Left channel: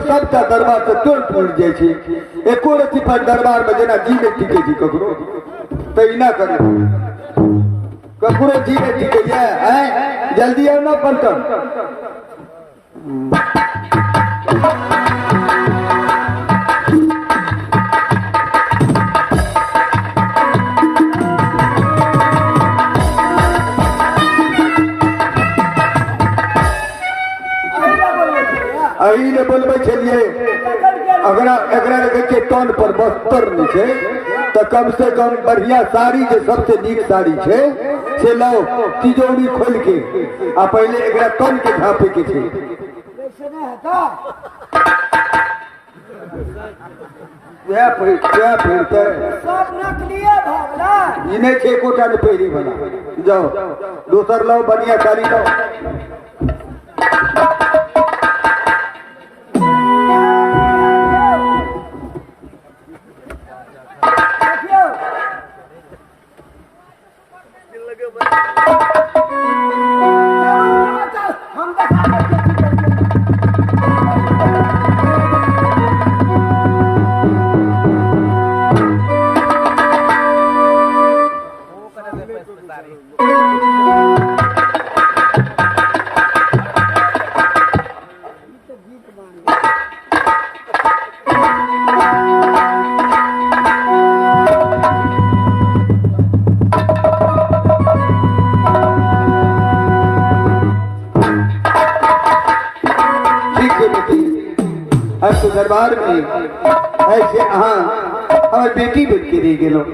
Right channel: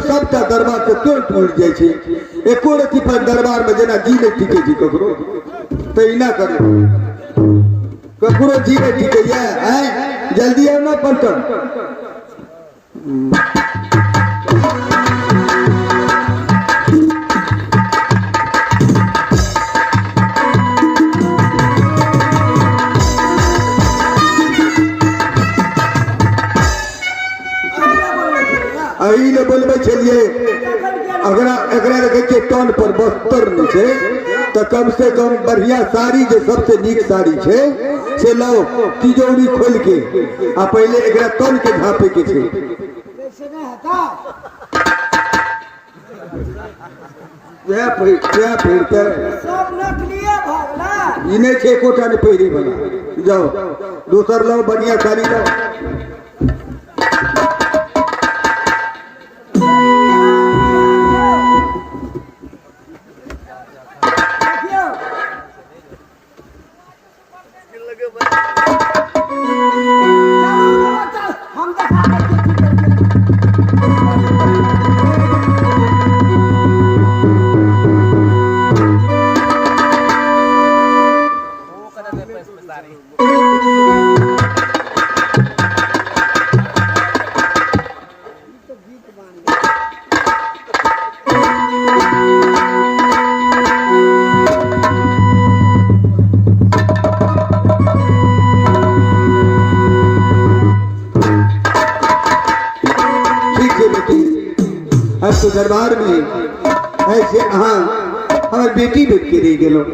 सबका दरबार से तोड़ फूट जाए छे एको रति पर दरबार में जना जी नहीं टिके छी ककरो तो इना करे ककरो जी नहीं टिके है जल्दी आओ ना पलटन अही ने बोलबे छलिए अगर के टन पर 72 छे तो कम से कम बढ़िया साड़ी जो सबसे नीक साड़ी छे से लाओ तिजोरी खोल के आ पहले एकरा टन के झापे के छे सब नकलिए भगला इने छे कोटा में पेरी बना जाओ दूसर लाओ बढ़िया साड़ी लाओ दरबार में ऐसे हाँ और बेटी बैठ के दे गेलो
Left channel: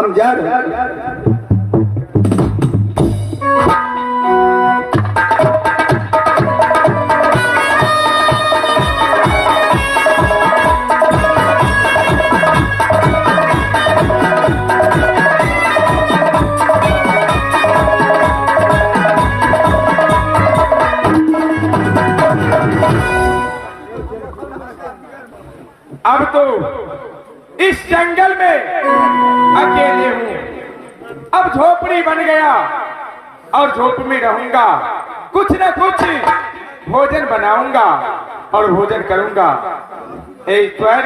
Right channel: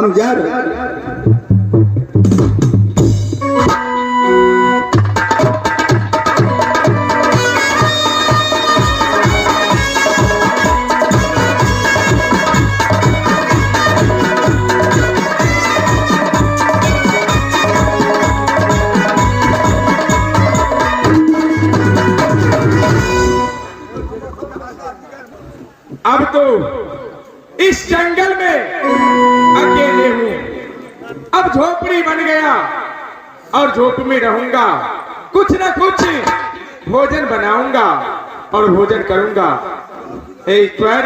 हम जा रहे अब तो इस जंगल में अकेले हूँ। अब झोपड़ी बन गया और झोप में रहूंगा। कुछ न कुछ भोजन बनाऊंगा और भोजन करूंगा। ईश्वर,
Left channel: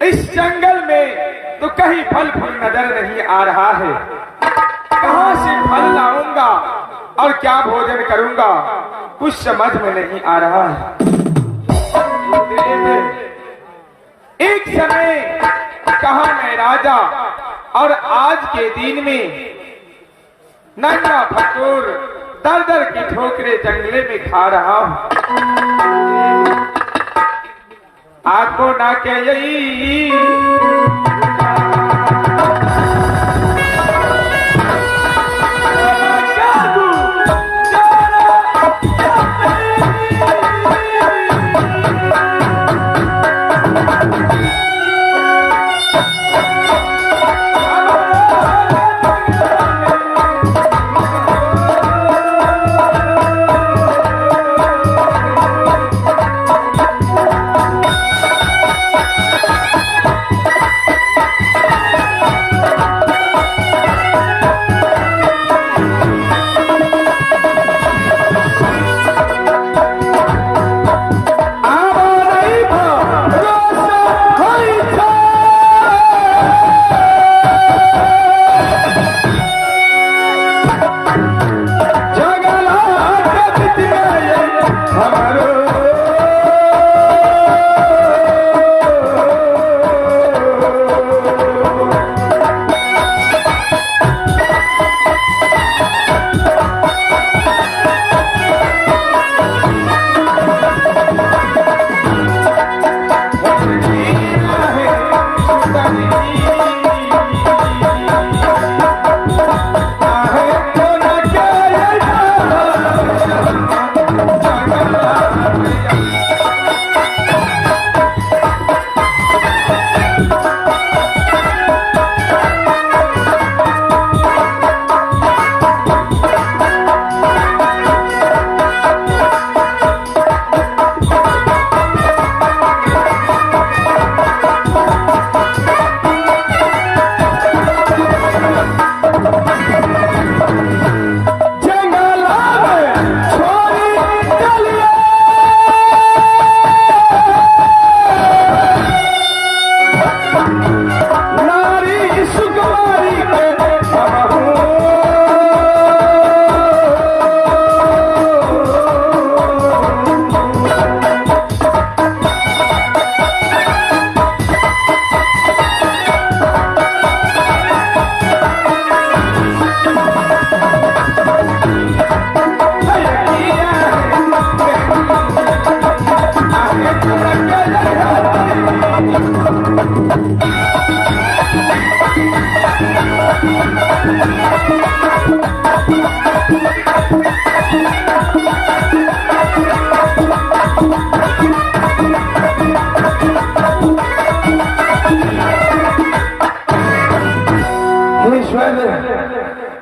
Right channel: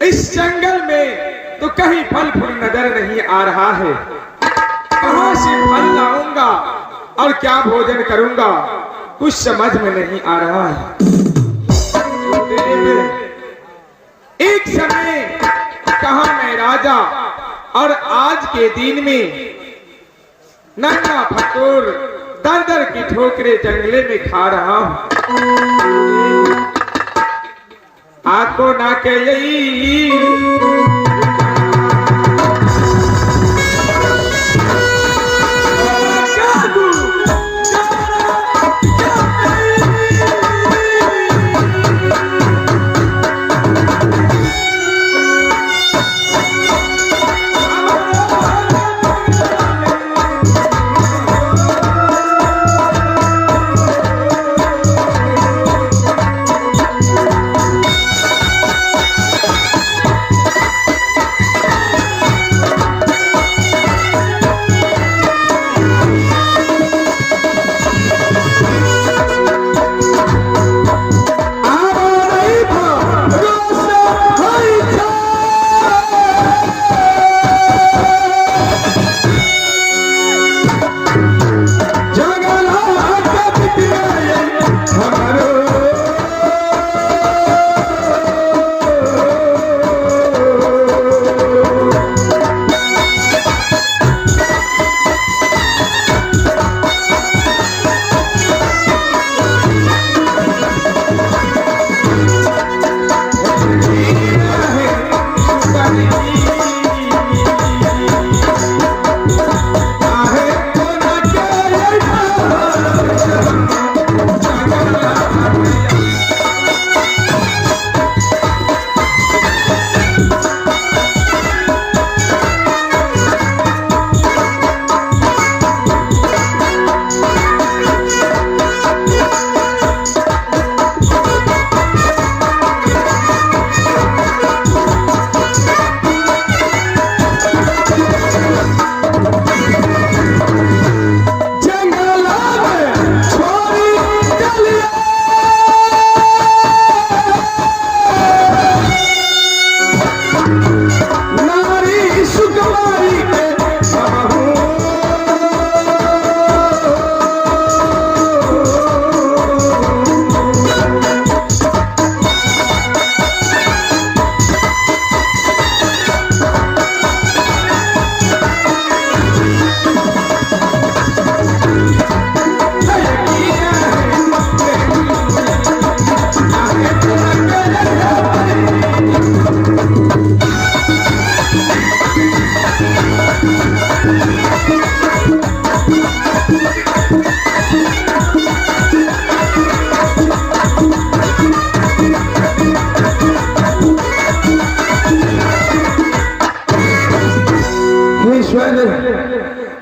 इस जंगल में तो कहीं फल फूल नजर नहीं आ रहा है। कहां से फल लाऊंगा और क्या भोजन करूंगा कुछ समझ में नहीं आ रहा है। एक समय कहा मैं राजा और आज के दिन में नंगा फकोर दर दर की ठोकरे जंगले में खा रहा हूं। आपको ना के यही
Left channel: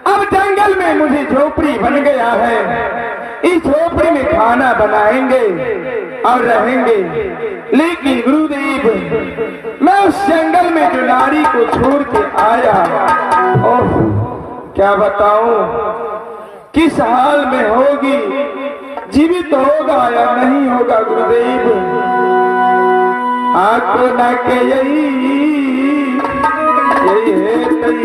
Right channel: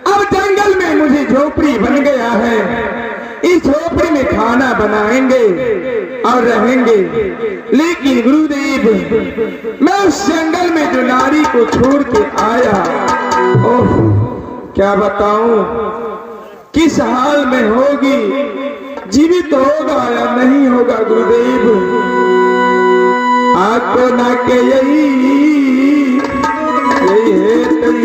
अब जंगल में मुझे झोपड़ी बन गया है, इस झोपड़ी में खाना बनाएंगे और रहेंगे। लेकिन गुरुदेव, मैं उस जंगल में जो नारी को छोड़ के आया, ओह क्या बताऊं किस हाल में होगी, जीवित होगा या नहीं होगा गुरुदेव। आपको न के यही है तई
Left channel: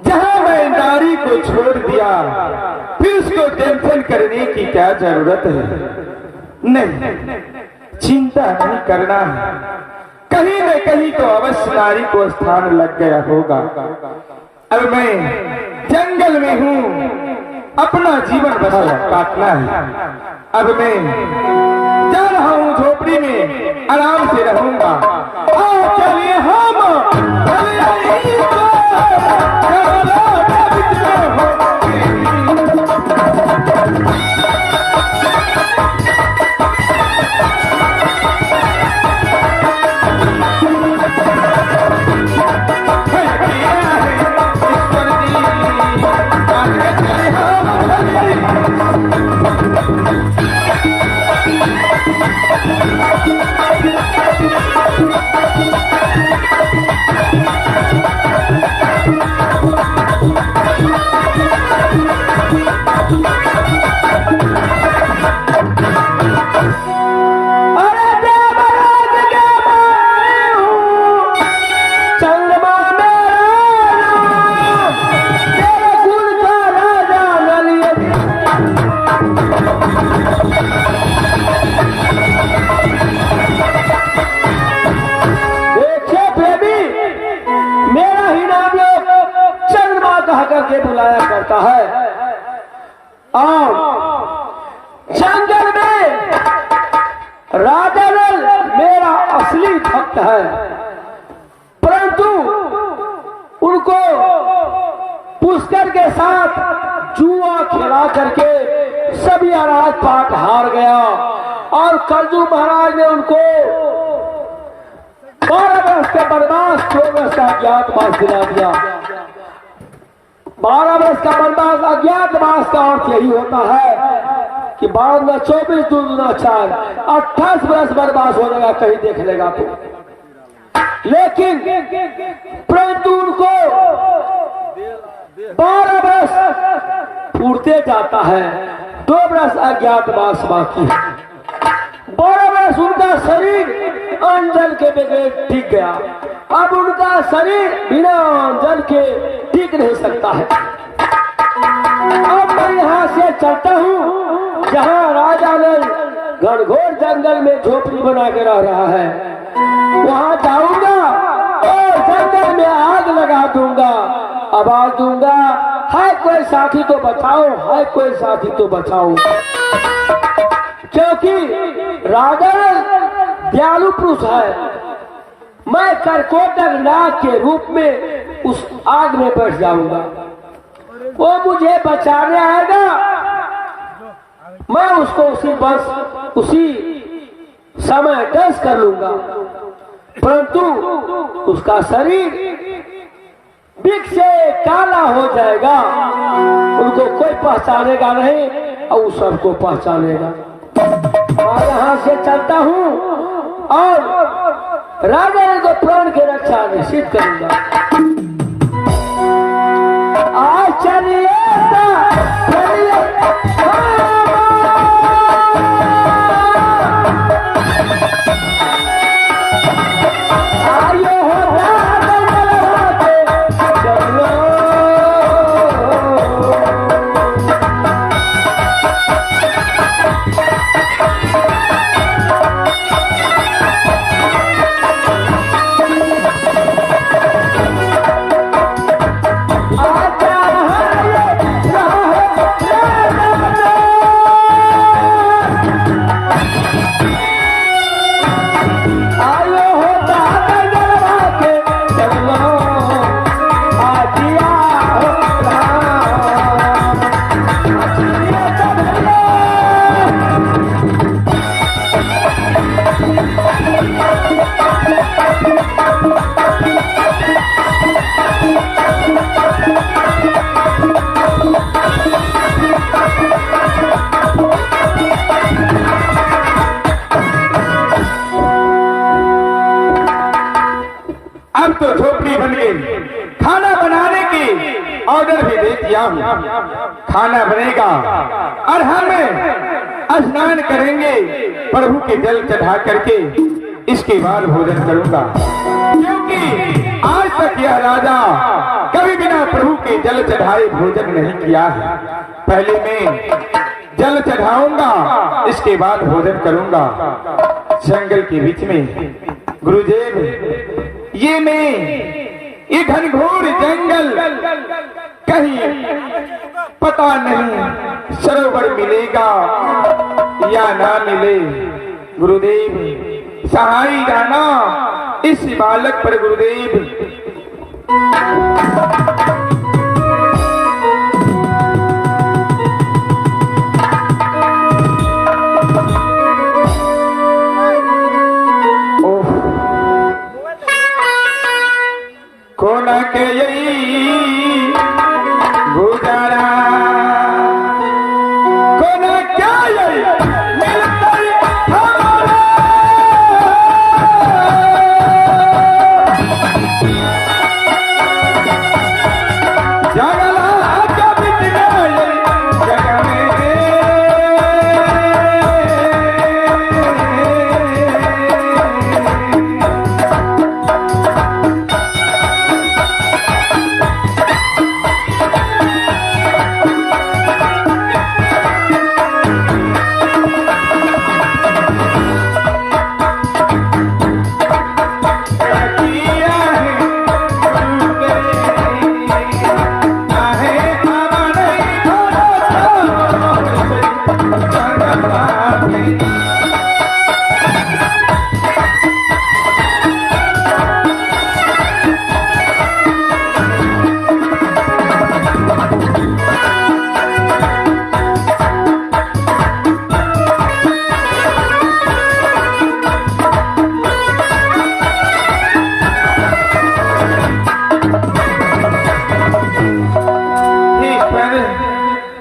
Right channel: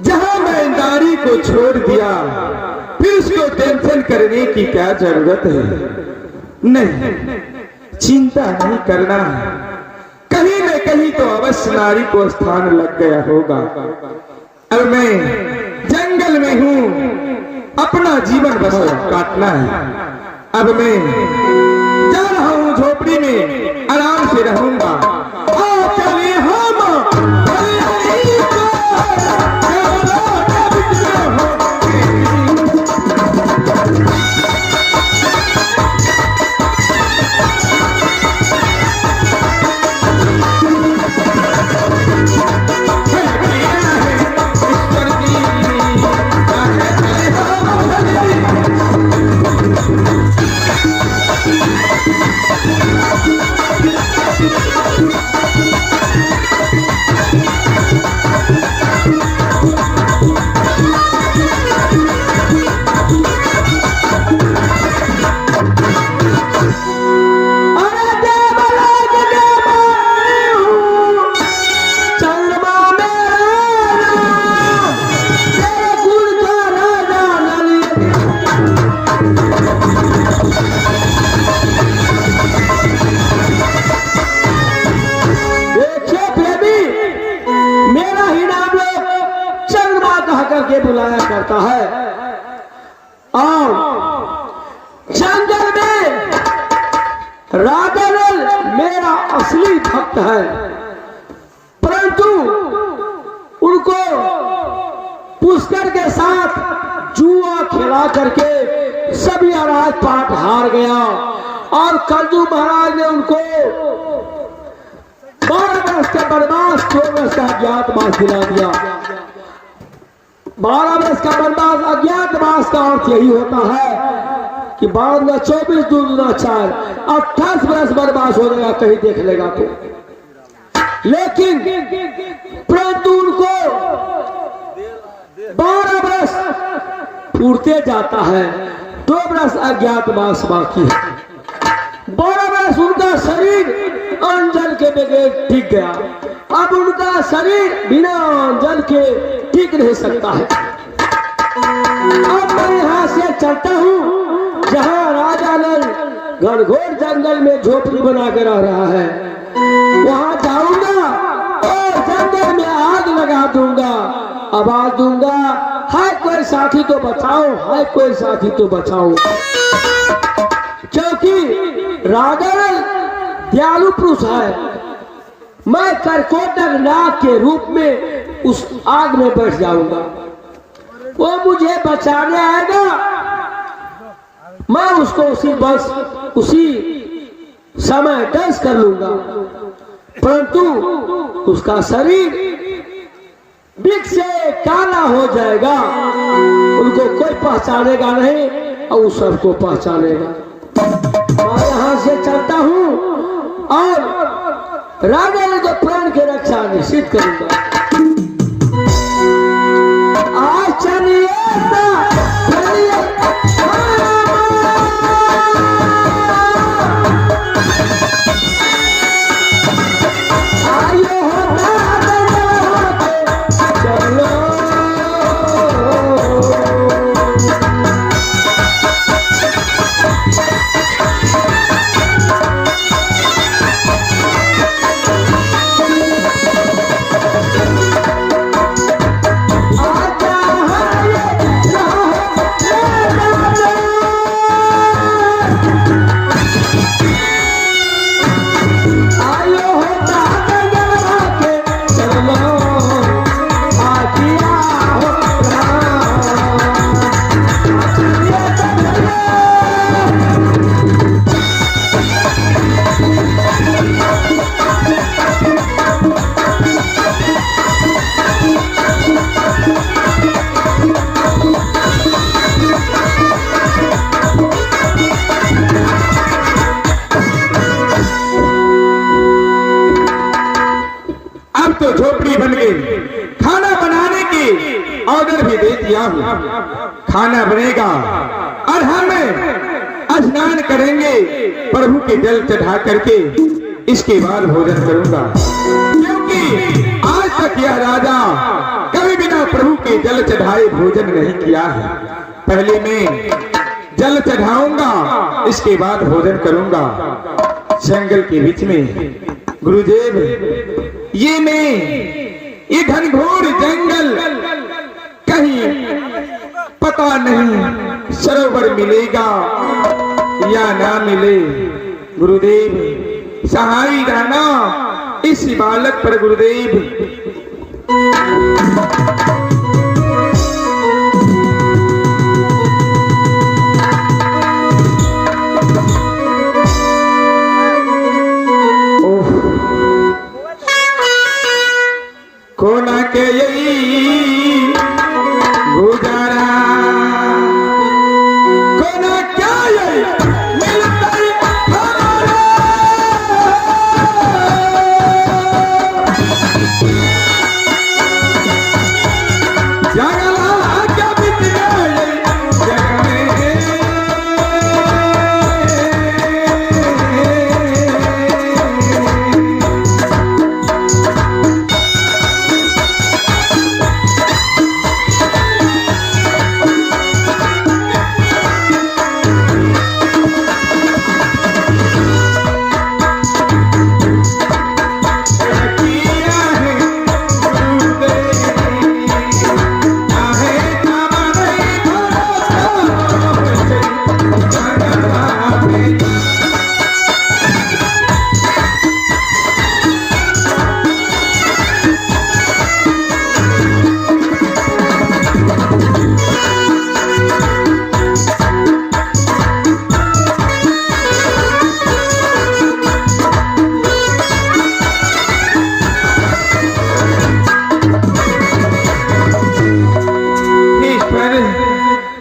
जहां मैं नारी को छोड़ दिया, फिर उसको टेंशन करने की क्या जरूरत है। नहीं, चिंता नहीं करना है, कहीं न कहीं तो अवश्य नारी को स्थान लग गया होगा। अब मैं जंगल में हूँ, अपना जीवन बस काटना है। अब मैं जा रहा हूँ झोपड़ी में, आराम से रहूंगा। आओ चले हम करके बुलाया करता है। और जंगल में राजा नल मेरा असली भक्त है, परंतु उनको पुष्कर के साथ जुआ खेला करके सभी राजपाट हार गया और कल्लू महाराज ने उनको 12 वर्ष का वनवास, 4 वर्ष का अज्ञातवास दिला दिया। 12 वर्ष का वनवास, अज्ञातवास का अर्थ यही होता है कि 12 24 दूना 4, 28 वर्ष वनवास हो जाएगा, कहीं देख लेगा तो। लेकिन परंतु उनको 12 वर्ष पूरते जाता है, 2 वर्ष अज्ञातवास बाकी है। 12 वर्ष उनका शरीर अंजल के बगैर टिक गया, अब उनका शरीर बिना अंजल के टिक नहीं सकता है। अब मैं यहाँ से चलता हूँ जहाँ राजा ने घनघोर जंगल में झोपड़ी बना के रह रहा है, वहाँ जाऊंगा और जंगल में आग लगा दूंगा, आवाज दूंगा, हाय कोई साथी तो बचाओ, हाय कोई साथी तो बचाओ। क्योंकि राजा दयालु पुरुष है, मैं करकोटक नाग के रूप में उस आग में बैठ जाऊंगा, वो मुझे बचाने आएगा, मैं उसको उसी समय डस कर लूंगा, परंतु उसका शरीर बिख से काला हो जाएगा, उनको कोई पहचानेगा नहीं और उस सबको पहचानेगा। मैं यहाँ से चलता हूँ और राजा ने तो प्राण की रक्षा निश्चित करूंगा। आज चलिए तो झोपड़ी बन गई, खाना बनाने की ऑर्डर भी दे दिया हूँ। खाना बनेगा और हम स्नान करेंगे, प्रभु के जल चढ़ा करके इसके बाद भोजन करूंगा, क्योंकि आज तक यह राजा कभी बिना प्रभु के जल चढ़ाए भोजन नहीं किया है। पहले मैं जल चढ़ाऊंगा, इसके बाद भोजन करूंगा। जंगल के बीच में गुरुदेव, ये घनघोर जंगल कहीं पता नहीं सरोवर मिलेगा या ना मिले। गुरुदेव सहाय रहना इस बालक पर गुरुदेव। कोना के यही गुजारा, कोना क्या यही मिलकर हमारा। जगला क्या बितना जग में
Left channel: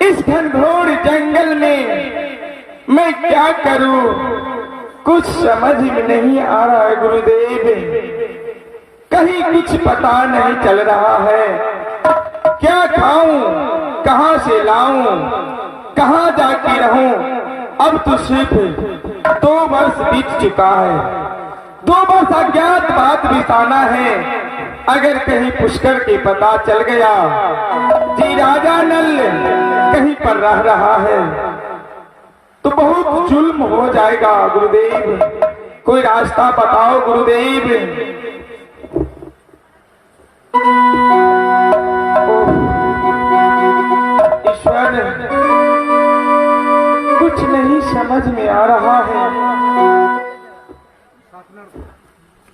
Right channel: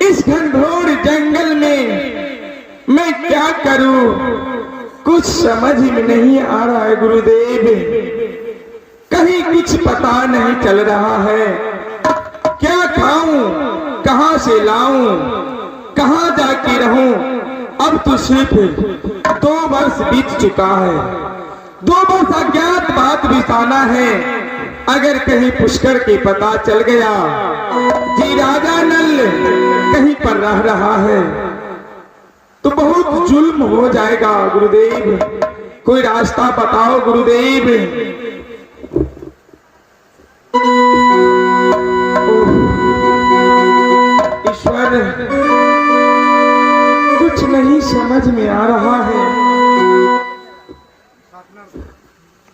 इस घनघोर जंगल में मैं क्या करूं, कुछ समझ में नहीं आ रहा है गुरुदेव। कहीं कुछ पता नहीं चल रहा है, क्या खाऊं, कहां से लाऊं, कहां जाके रहूं। अब तो सिर्फ 2 वर्ष बीत चुका है, 2 वर्ष अज्ञात बात बिताना है। अगर कहीं पुष्कर के पता चल गया जी राजा नल कहीं पर रह रहा है तो बहुत जुल्म हो जाएगा गुरुदेव। कोई रास्ता बताओ गुरुदेव। ईश्वर कुछ नहीं समझ में आ रहा है।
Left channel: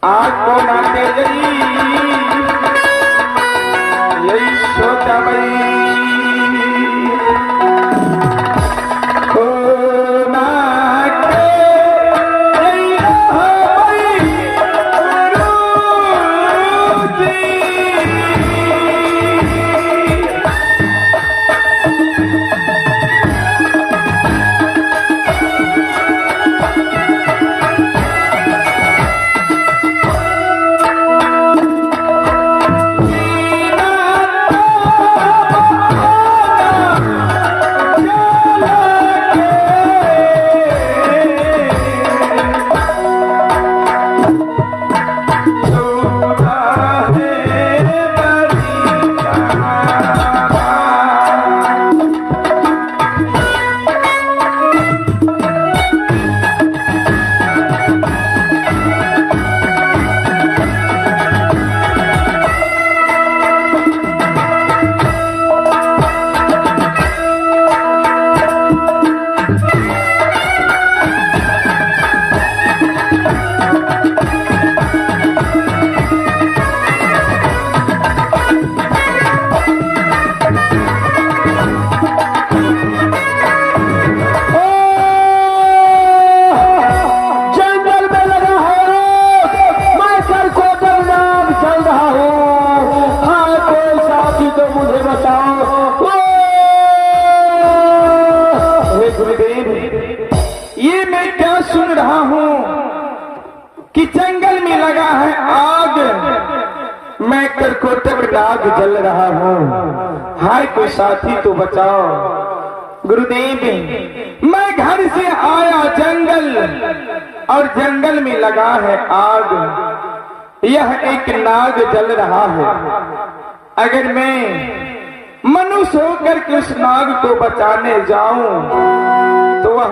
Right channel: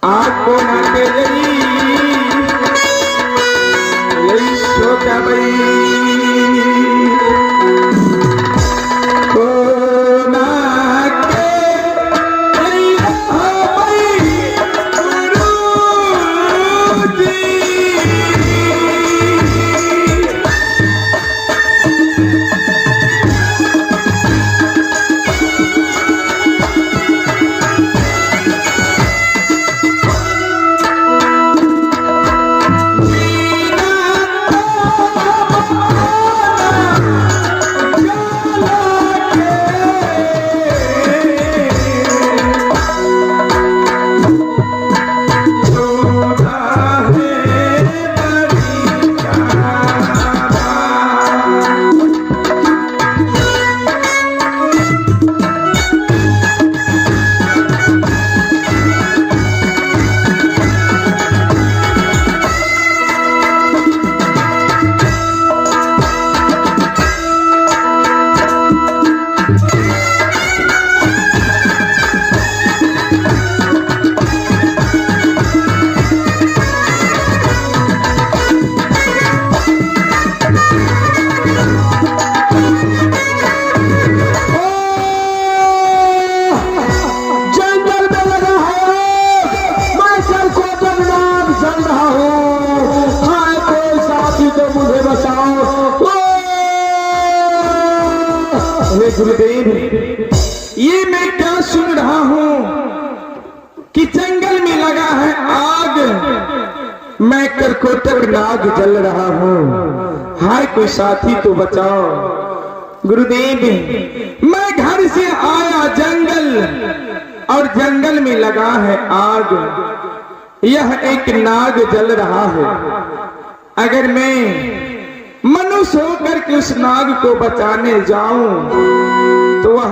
आग को नाते यही सोचा भाई गुरुदेव, ये मैं क्या सुन रहा हूँ कि जंगल में लगा है आग, मैं करकोटक नाग जल रहा हूँ। हाय कोई साथी तो बचाओ गुरुदेव। मैं घर से आया जंगल और जंगल में लगा है आग, यह एक नाग जल रहा है। अगर मैं मनुष्य होकर के उस नाग को बचाने जाऊं तो वह